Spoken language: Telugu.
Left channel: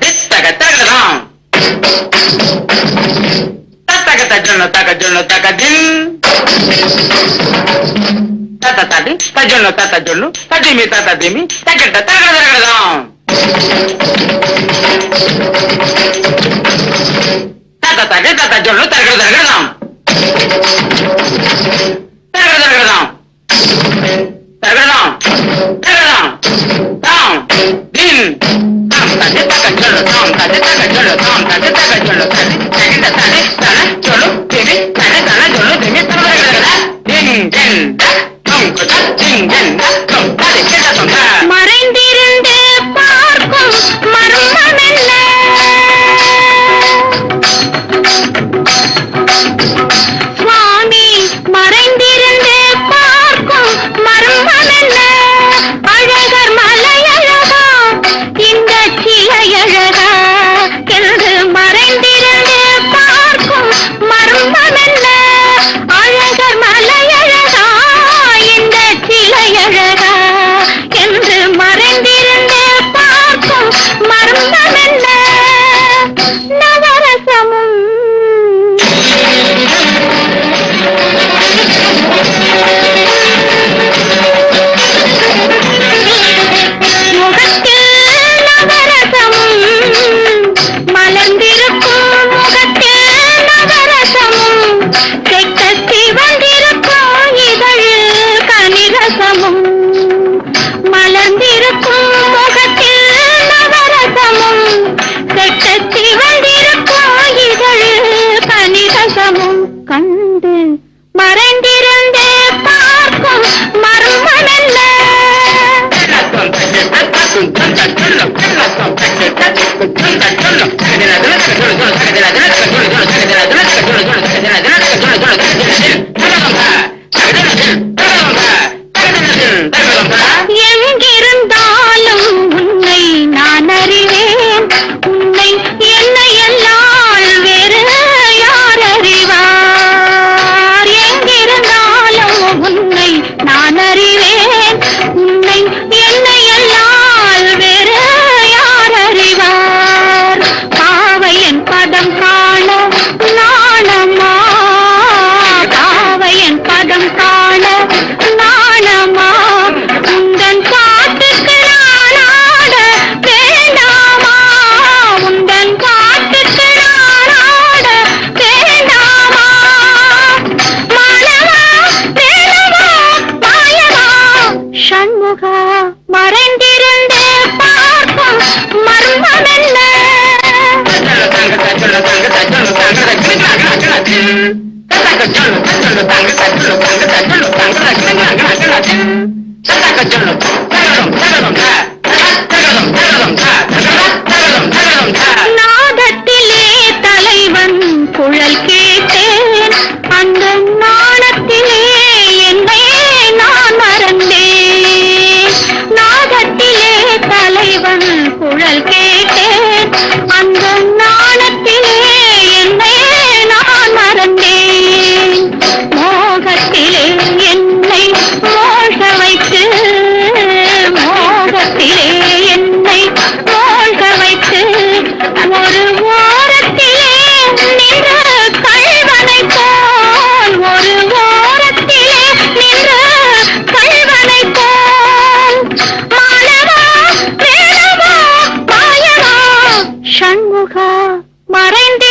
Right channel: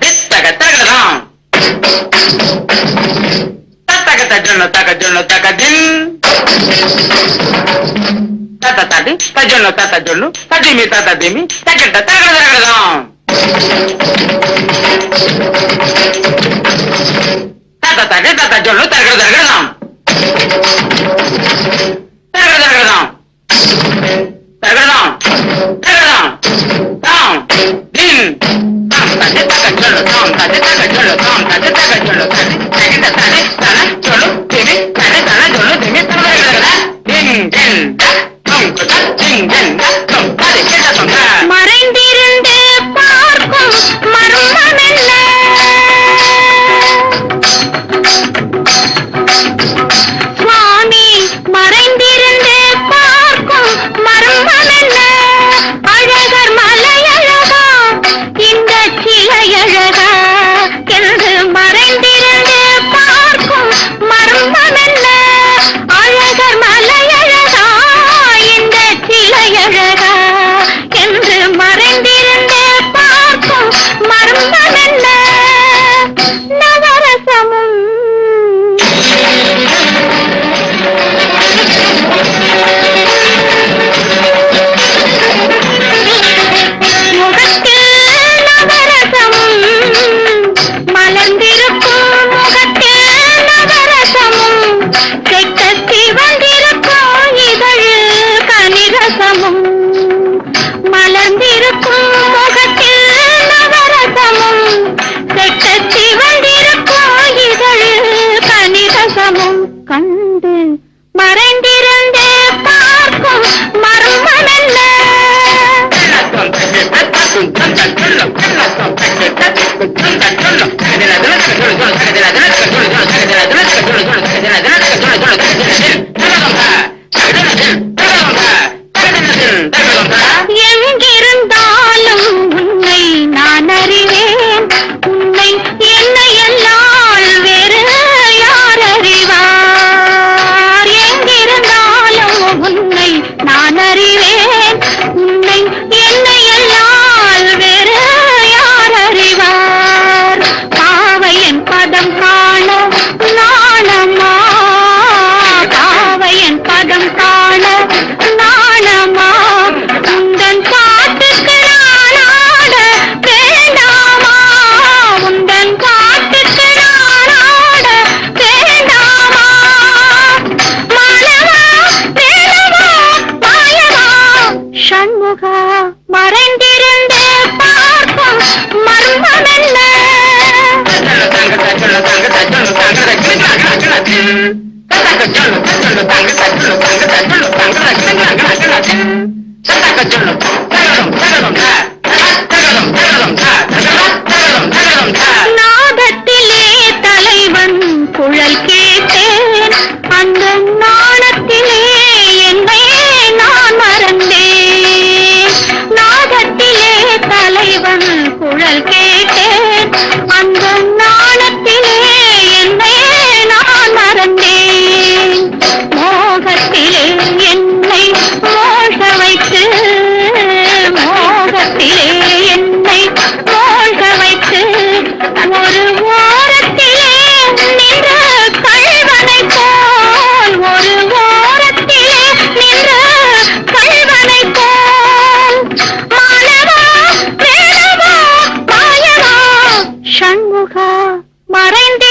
దిత్తగ తగదాం తగ తజ్జున్న తగ జున్న తగ దిన్ తత తది తజున్న తత జుల్లు తదిమి తత దిమి తగట తగ తగదాం తత తది తత జుల్లు తగ తగదాం తగ తగదాం తగదాం తగదాం తగదాం తగ్గ జడు తగ్గ జడు తగ్గ జడు తగ్గ జడు తగ్గ జడు తగ్గ జడు மெல்ல அழகர் மலையழகா இந்த சிலையழகா என்று மறைந்திருந்தே பார்க்கும் மர்மமென்ன? Thank you. Thank you. மறைந்த